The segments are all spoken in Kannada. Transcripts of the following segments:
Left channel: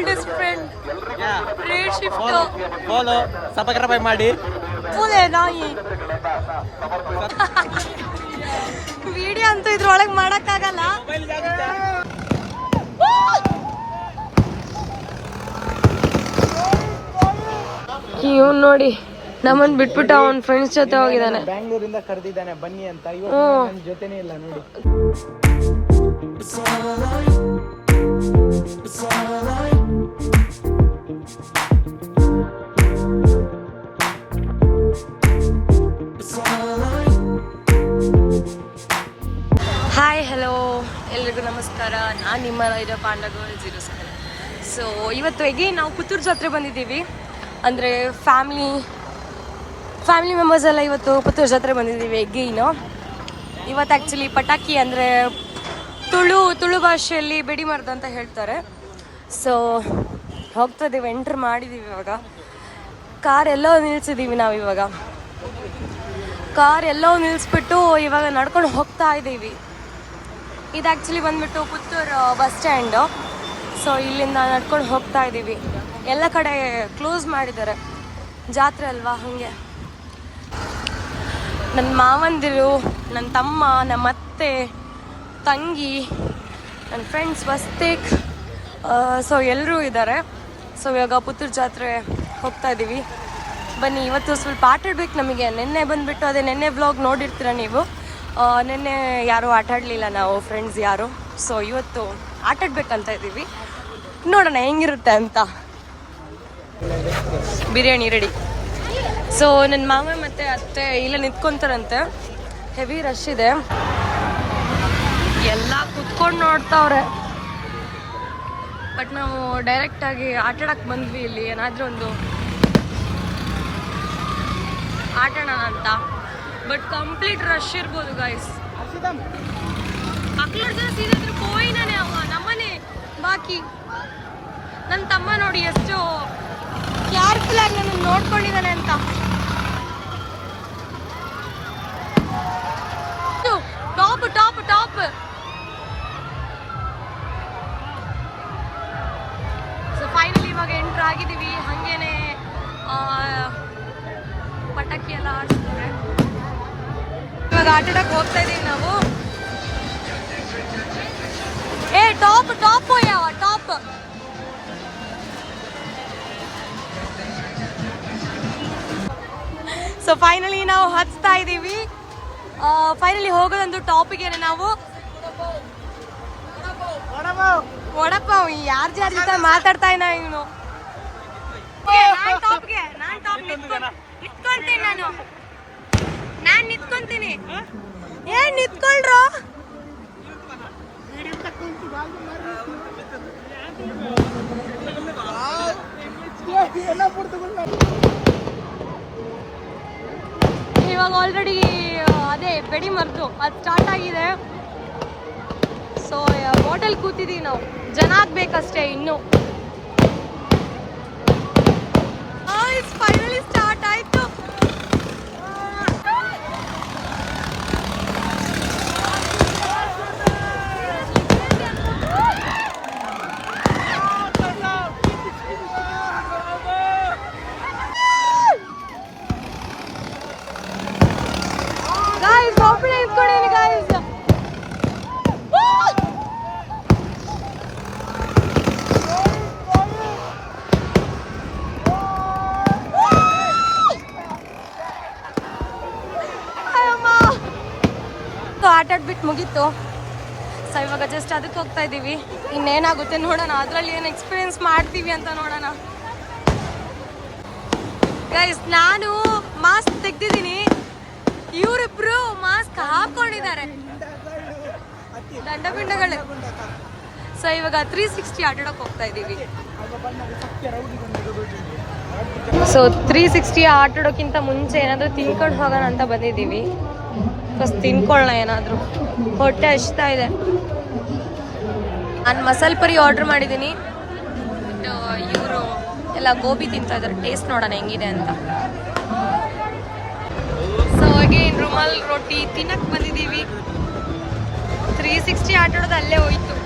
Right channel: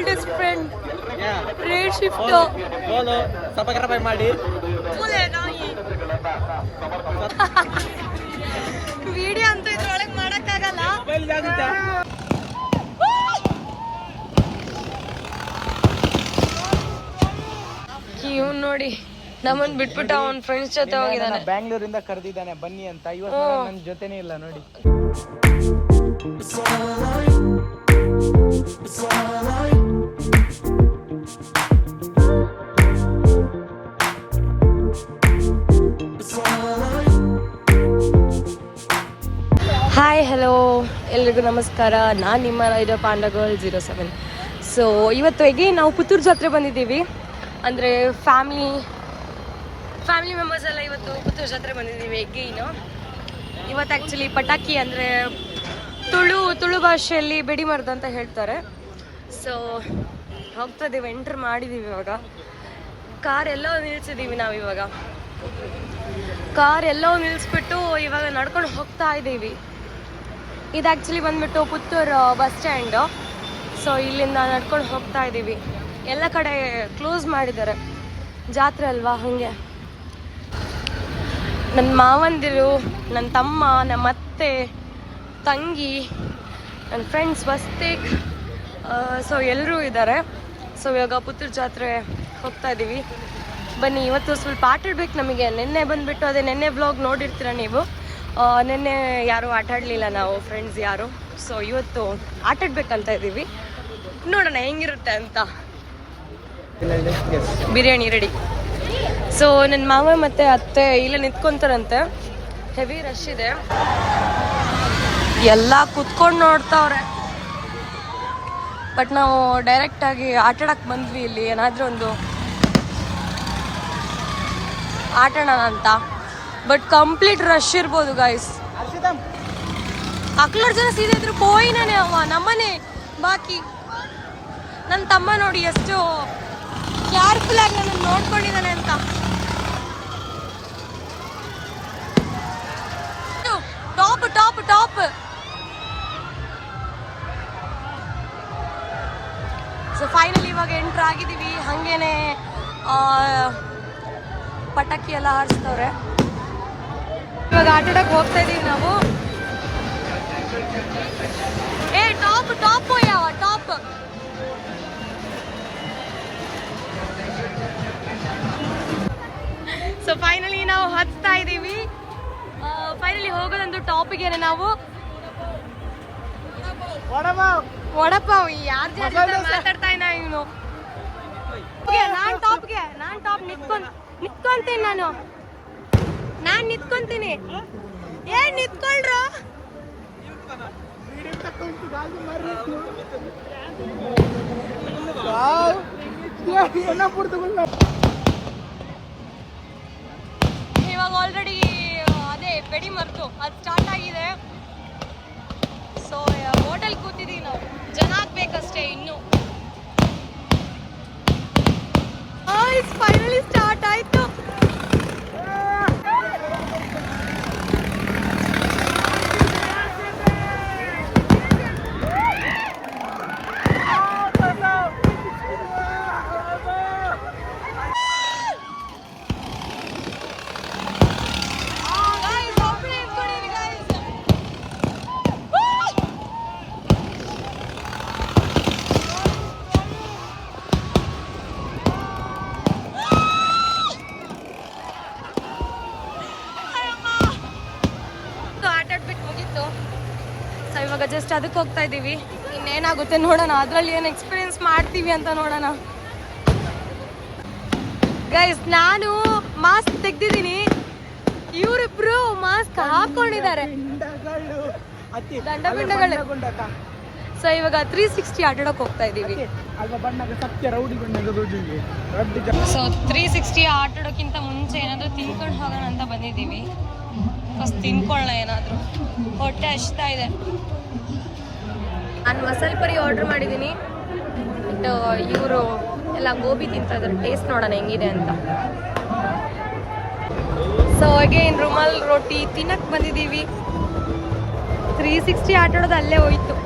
oldest friend. Red shift. Follow. Subscribe ಮಾಡಿ. Full ನಾಯಿ. ವಿಡಿಯೋ ಅಂತೂ ಇದ್ರೊಳಗೆ ಮಾಡಕ್ಕಾಗಲ್ಲ. ಇವ್ನು ನೋಡಿ ನಮ್ಮನ್ ಬಿಟ್ಬಿಟ್ಟು ಅವನ್ ಫ್ರೆಂಡ್ಸ್ ಜೊತೆ ಹೋಗಿದ್ದಾನೆ. ಬ್ಯಾಂಗ್ಳೂರಿಂದ ಕರೆದಿದ್ದಾನೆ ಬನ್ನಿ ಅಂತ. ಇವತ್ತು ನನ್ನ ಜೊತೆನೇ ಇಲ್ಲ ನೋಡಿ. ಹಾಯ್ ಹಲೋ ಎಲ್ರಿಗೂ ನಮಸ್ಕಾರ. ನಾನು ನಿಮ್ಮ ರೈಡರ್ ಪಾಂಡ ಗರ್ಲ್ 07. ಸೊ ಇವತ್ತು ಎಗೇನ್ ನಾವು ಪುತ್ತೂರು ಜಾತ್ರೆ ಬಂದಿದ್ದೀವಿ. ಅಂದರೆ ಫ್ಯಾಮಿಲಿ ಮೆಂಬರ್ಸ್ ಎಲ್ಲ ಇವತ್ತು ಪುತ್ತೂರು ಜಾತ್ರೆ ಬಂದಿದ್ದೀವಿ ಎಗೇನು. ಇವತ್ತು ಆ್ಯಕ್ಚುಲಿ ಪಟಾಕಿ ಅಂದರೆ ತುಳು ಭಾಷೆಯಲ್ಲಿ ಬೆಡಿಮರ್ದು ಅಂತ ಹೇಳ್ತಾರೆ. ಸೊ ಹೋಗ್ತಾ ಇದ್ದೀವಿ, ಎಂಟ್ರ್ ಮಾಡಿದ್ದೀವಿ. ಇವಾಗ ಕಾರ್ ಎಲ್ಲೋ ನಿಲ್ಸಿದ್ದೀವಿ ನಾವು. ಇವಾಗ ಕಾರ್ ಎಲ್ಲೋ ನಿಲ್ಲಿಸ್ಬಿಟ್ಟು ಇವಾಗ ನಡ್ಕೊಂಡು ಹೋಗ್ತಾ ಇದ್ದೀವಿ. ಇದು ಆ್ಯಕ್ಚುಲಿ ಬಂದ್ಬಿಟ್ಟು ಪುತ್ತೂರು ಬಸ್ ಸ್ಟ್ಯಾಂಡು. ಸೊ ಇಲ್ಲಿಂದ ನಡ್ಕೊಂಡು ಹೋಗ್ತಾ ಇದ್ದೀವಿ. ಎಲ್ಲ ಕಡೆ ಕ್ಲೋಸ್ ಮಾಡಿದ್ದಾರೆ, ಜಾತ್ರೆ ಅಲ್ವಾ ಹಾಗೆ. ನನ್ನ ಮಾವಂದಿರು, ನನ್ನ ತಮ್ಮ, ನಮ್ಮ ಅತ್ತೆ, ತಂಗಿ, ನನ್ನ ಫ್ರೆಂಡ್ಸ್ ವಸ್ತಿಕ್, ಸೊ ಎಲ್ಲರೂ ಇದ್ದಾರೆ. ಸೊ ಇವಾಗ ಪುತ್ತೂರು ಜಾತ್ರೆ ಹೋಗ್ತಾ ಇದ್ದೀವಿ. ಬನ್ನಿ, ಇವತ್ತು ಸ್ವಲ್ಪ ಆಟ ಆಡ್ಬೇಕು ನಮಗೆ. ನಿನ್ನೆ ಬಂದುಬಿಟ್ಟು ಅದೇ ನಿನ್ನೆ ವ್ಲಾಗ್ ನೋಡಿರ್ತೀರ ನೀವು. ನಿನ್ನೆ ಯಾರೂ ಆಟ ಆಡಲಿಲ್ಲ ನಾವು ಫ್ರೆಂಡ್ಸ್ ಯಾರು. ಸೊ ಇವತ್ತು ಆಟ ಆಡ್ಬೇಕಂತ ಇದ್ದೀವಿ, ನೋಡೋಣ ಹೆಂಗಿರುತ್ತೆ ಅಂತ. ಬಿರಿಯಾನಿ ರೆಡಿ. ಸೊ ನನ್ನ ಮಾವ ಮತ್ತು ಅತ್ತೆ ಇಲ್ಲ ನಿಂತ್ಕೊಂತಾರಂತೆ. ಹೆವಿ ರಶ್ ಇದೆ, ಎಲ್ಲ ಕುತ್ಕೊಂಡು ನೋಡ್ತಾವ್ರೆ. ಬಟ್ ನಾವು ಡೈರೆಕ್ಟಾಗಿ ಆಟ ಆಡಕ್ಕೆ ಬಂದ್ವಿ. ಇಲ್ಲಿ ಏನಾದರೂ ಒಂದು ಆಟಾಡೋಣ ಅಂತ. ಬಟ್ ಕಂಪ್ಲೀಟ್ ರಶ್ ಇರ್ಬೋದು ಗೈಸ್. ಅಕ್ಲರ್ ಜನ ಸೀದಾ ಇದ್ರು ಪೋಯಿನೇ ಅವ ನಮ್ಮನೆ. ಬಾಕಿ ನನ್ನ ತಮ್ಮ ನೋಡಿ ಎಷ್ಟು ಕೇರ್ಫುಲ್ ಆಗಿ ನನ್ನ ನೋಡ್ಕೊಂಡಿದ್ದಾನೆ ಅಂತ. Top top top. So finally ಇವಾಗ ಎಂಟ್ರ್ ಆಗಿದ್ದೀವಿ. ಹಾಗೇನೆ ಪಟಾಕಿ ಎಲ್ಲ ಹಾರಿಸ್ತವ್ರೆ. ಇವಾಗ ಆಟ ಆಡಕ್ಕೆ ಹೋಗ್ತಾ ಇದೀವಿ ನಾವು. ಟಾಪ್ ಟಾಪ್ ಯಾವ ಟಾಪ್. ಸೊ ಫೈನಲಿ ನಾವು ಹತ್ತಾ ಇದ್ದೀವಿ. ಫೈನಲಿ ಹೋಗೋದಂದು ಟಾಪಿಗೆ ನಾವು. ವಡಪಾವ್ ಯಾರ ಜೊತೆ ಮಾತಾಡ್ತಾ ಇನ್ನ ಇವನು. ನಾನ್ ಟಾಪ್ ನಿತ್ಕೊಂತೀನಿ. ನಾನ್ ನಿತ್ಕೊಂತೀನಿ. ನಿತ್ಕೊಳ್ರು. ಇವಾಗ ಆಲ್ರೆಡಿ ಅದೇ ಬೆಡಿ ಮರ್ತು ಅದು ಸ್ಟಾರ್ಟ್ ಆಗಿದೆ. ಸೊ ಹೋಟೆಲ್ ಕೂತಿದೀವಿ ನಾವು, ಜನ ಆಗ್ಬೇಕಷ್ಟೇ ಇನ್ನು. ಫೈನಲಿ ಸ್ಟಾರ್ಟ್ ಆಯ್ತು. ಆಟ ಆಡ್ಬಿಟ್ಟು ಮುಗೀತು. ಸೊ ಇವಾಗ ಜಸ್ಟ್ ಅದಕ್ಕೆ ಹೋಗ್ತಾ ಇದ್ದೀವಿ. ಇನ್ನೇನಾಗುತ್ತೆ ನೋಡೋಣ, ಅದರಲ್ಲಿ ಏನು ಎಕ್ಸ್ಪೀರಿಯನ್ಸ್ ಮಾಡ್ತೀವಿ ಅಂತ ನೋಡೋಣ. ಗೈಸ್ ನಾನು ಮಾಸ್ಕ್ ತೆಗ್ದಿದ್ದೀನಿ, ಇವರಿಬ್ರು ಮಾಸ್ಕ್ ಹಾಕೊಂಡಿದ್ದಾರೆ, ದಂಡಪಿಂಡಗಳು. ಸೊ ಇವಾಗ 360 ಆಟ ಆಡೋಕೆ ಹೋಗ್ತಾ ಇದ್ದೀವಿ. ಸೊ 360 ಆಟ ಆಡೋಕ್ಕಿಂತ ಮುಂಚೆ ಏನಾದರೂ ತಿನ್ಕೊಂಡು ಹೋಗೋಣ ಅಂತ ಬಂದಿದ್ದೀವಿ. ಫಸ್ಟ್ ತಿನ್ಕೊಳ್ಳೋಣ ಏನಾದರೂ, ಹೊಟ್ಟೆ ಹಸ್ತಾ ಇದೆ. ನಾನು ಮಸಾಲೆ ಪುರಿ ಆರ್ಡ್ರ್ ಮಾಡಿದ್ದೀನಿ. ಬಟ್ ಇವರು ಎಲ್ಲ ಗೋಬಿ ತಿಂತಾ ಇದ್ದಾರೆ. ಟೇಸ್ಟ್ ನೋಡೋಣ ಹೆಂಗಿದೆ ಅಂತ. ಸೊ ಅಗೇನ್ ರುಮಾಲ್ ರೋಟಿ ತಿನ್ನಕ್ಕೆ ಬಂದಿದ್ದೀವಿ. 360 ಆಟ ಆಡೋದು ಅಲ್ಲೇ ಹೋಯ್ತು.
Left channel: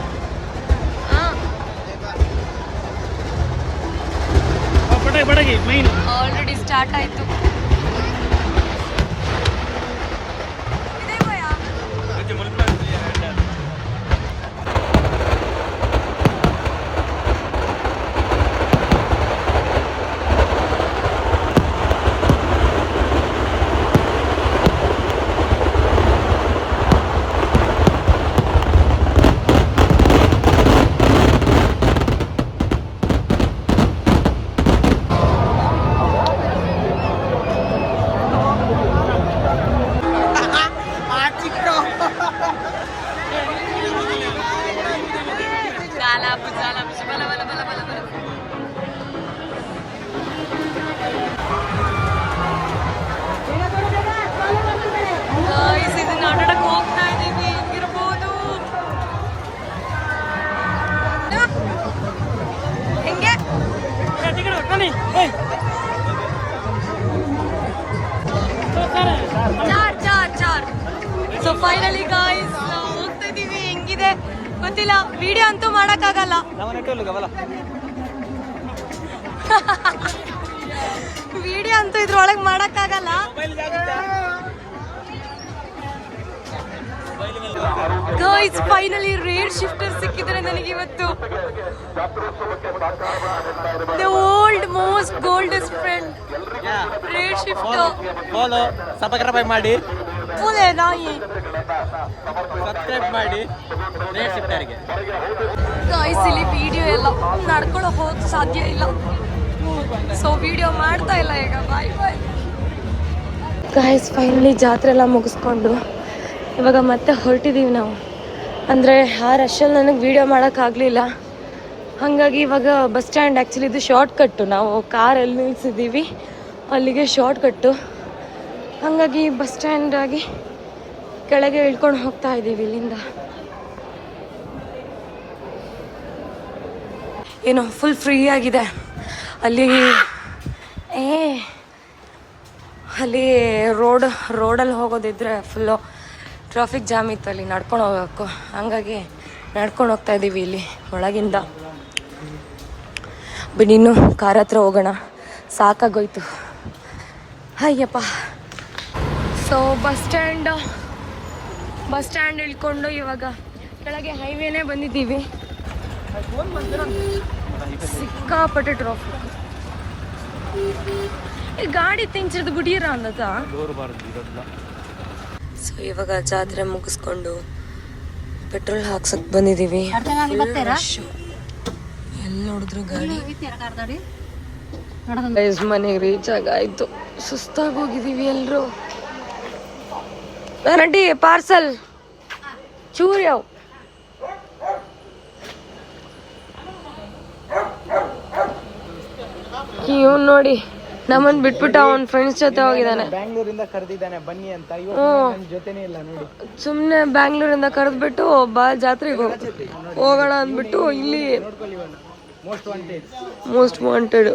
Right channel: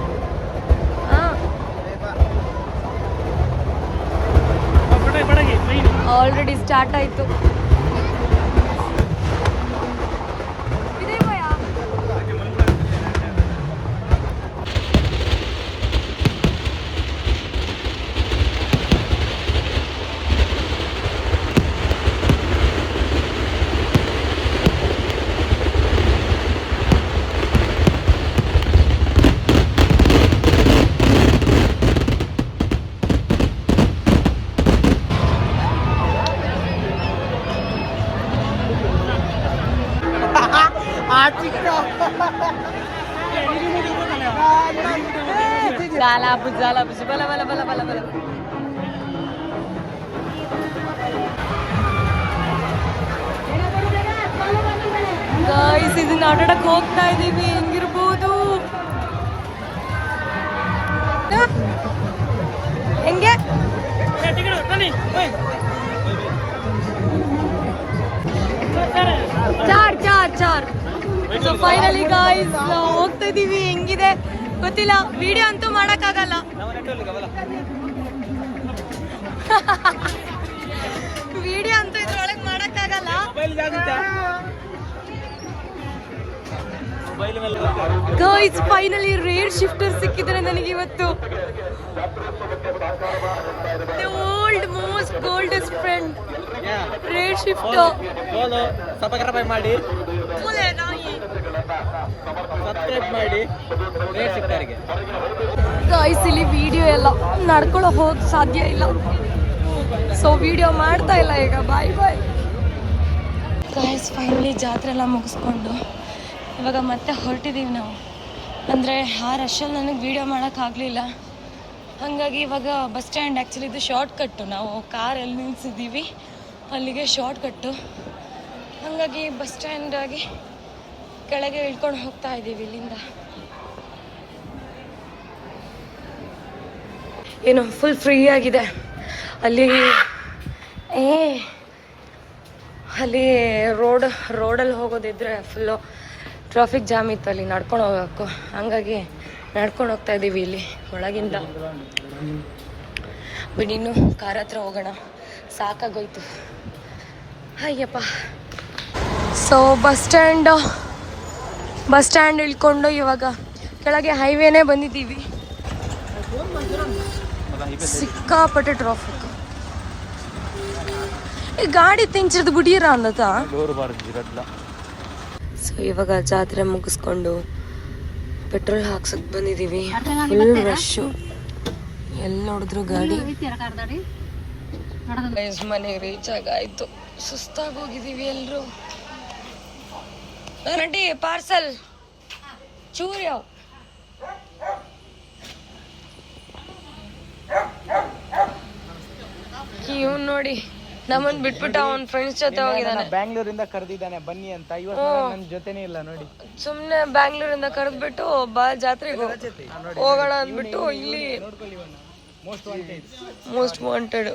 ಆಲ್ರೆಡಿ ಸ್ಟಾರ್ಟ್ ಆಯ್ತು. Jala bus, bala bala bala bala bala. Guys, ಇದನ್ನ ಆಟಾಡಕ್ಕೆ ಹೋಗ್ತಾ ಇದೀವಿ. ಹೆಂಗಿರ್ಬೋದು ಹೆಂಗೆ? ಚಾರ್. ಸೊ ಫೈನಲಿ ಗಾಯ್ಸ್ ಹೋಗ್ತಾ ಇದೀವಿ. ಹೆಂಗಿದೆ ಗೊತ್ತಿಲ್ಲ, ವಿಡಿಯೋ ಅಂತೂ ಮಾಡಕ್ಕಾಗಲ್ಲ. ವಿಡಿಯೋ ಅಂತೂ ಇದ್ರೊಳಗೆ ಮಾಡಕ್ಕಾಗಲ್ಲ. ಗಾಯ್ಸ್ ಫೈನಲಿ ರೇರ್ ಶಿಫ್ಟರ್ ಸಿಕ್ಕಿದ್ರೆ ನನಗೆ ಇವತ್ತು. The old most goldest friend rare shift. Subscribe ಮಾಡಿ, ಫುಲ್ ನಾಯಿ ಸಬ್ಸ್ಕ್ರೈಬ್ ಮಾಡಿ ರೇರ್ ಶಿಫ್ಟರ್ಗೆ. ಗಾಯ್ಸ್ ಇಲ್ಲಿ ವಿಡಿಯೋ ಎಲ್ಲ ನಡ್ಕೊಳ್ಳೋ ಹೋಗ್ ಸಾಧ್ಯ ಇಲ್ಲ, ಸೊ ವಿಡಿಯೋ ಮಾಡ್ತಾ ಇಲ್ಲ ಈಗ. ಬಾಯ್ ಬಾಯ್ ಗಾಯ್ಸ್. ಫೈನಲಿ ಜಾತ್ರೆ ಎಲ್ಲ ಮುಗಿಸ್ಕೊಂಡು ಇವಾಗ ಮತ್ತೆ ಹೊರಟಿದ್ದೀವಿ ನಾವು. ಅಂದರೆ ಆ ರಶಲ್ಲಿ ನನಗೆ ವಿಡಿಯೋ ಮಾಡೋಕ್ಕಾಗಲಿಲ್ಲ, ಹಾಗಾಗಿ ಇವಾಗ ಬಸ್ ಸ್ಟ್ಯಾಂಡ್. ಆ್ಯಕ್ಚುಲಿ ಇದು ಶಾರ್ಟ್ ಕಟ್ಟು, ನಾವು ಕಾರಲ್ಲಿ ನಿಲ್ಸಿದ್ದೀವಿ, ಅಲ್ಲಿಗೆ ಶಾರ್ಟ್ ಕಟ್ಟು. ಹಾಗಾಗಿ ಬಸ್ ಸ್ಟ್ಯಾಂಡ್ ಆಗಿ ಕೆಳಗೆ ಇಳ್ಕೊಂಡು ಹೋಗ್ತಾ ಇದ್ದೀವಿ ಇಲ್ಲಿಂದ. ಏನೋ ಫುಲ್ ಫ್ರೀ ಆಗಿದೆ ಅಲ್ಲಿ. ಅಲ್ಲಿ ರೋಡಲ್ಲಿ ಹೋಗೋದಿದ್ರೆ ಫುಲ್ಲು ಟ್ರಾಫಿಕ್ ಜಾಮ್ ಇತ್ತು, ಅಲ್ಲಿ ನಡ್ಕೊಂಡು ಹೋಗಬೇಕು. ಹಂಗಾಗಿ ನಡ್ಕೊಂಡು ಹೋಗ್ತಾ ಇದ್ದೀವಿ ಇಲ್ಲಿ ಒಳಗಿಂದ. ಬಿಡಿ ಇನ್ನು ಕಾರ್ ಹತ್ರ ಹೋಗೋಣ, ಸಾಕಾಗೋಯ್ತು. ಅಯ್ಯಪ್ಪ. ಸೊ ಬಸ್ ಸ್ಟ್ಯಾಂಡ್ ಇಳ್ಕೊಂಡು ಇವಾಗ ಕೆಳಗೆ ಹೈವೇನೇ ಬಂದಿದ್ದೀವಿ. ಸಿಕ್ಕಾಪಟ್ಟೆ ಟ್ರಾಫಿಕ್. ಈ ಗಾಡಿ ತಿಂಚಿರೋದು ಗುಡಿಯರ ಅಂದತ. ಸೊ ಇವಾಗ ಜಾತ್ರೆ ಮುಗಿಸ್ಕೊಂಡು ಪೆಟ್ರೋಲ್ ಹಾಕ್ಸಕ್ ಬಂದಿದ್ದೀವಿ. ಫುಲ್ ರಶ್, ಎಲ್ಲಿ ನೋಡಿದ್ರು ಗಾಡಿ. ಮನೆಗೆ ರೀಚ್ ಆಗಾಯ್ತು, ಸುಸ್ತಾಗಿ ಹೋಗಿದ್ದೀವಿ ಎಲ್ರು. ನಟಿ ಪಾರ್ಸಲ್ ಚೂರ್ಯಾವ್. ಇವ್ ನೋಡಿ ನಮ್ಮನ್ ಬಿಟ್ಬಿಟ್ಟು ಅವನ್ ಫ್ರೆಂಡ್ಸ್ ಜೊತೆ ಹೋಗಿದ್ದಾನೆ. ಬ್ಯಾಂಗ್ಳೂರಿಂದ ಕರೆದಿದ್ದಾನೆ ಬನ್ನಿ ಅಂತ. ಇವತ್ತು ನನ್ನ ಜೊತೆನೇ ಇಲ್ಲ ನೋಡಿ. ಸುಮ್ನೆ ಬ್ಯಾಂಗ್ಳೂರಿಂದ ಕರೆದ್ಬಿಟ್ಟು ಬಾ ಜಾತ್ರೆಗೆ ಹೋಗೋಣ ಅಂದ್ಬಿಟ್ಟು ಇಲ್ಲಿ ಮೋಸ್ಟ್ ವಾಂಟೆಡ್.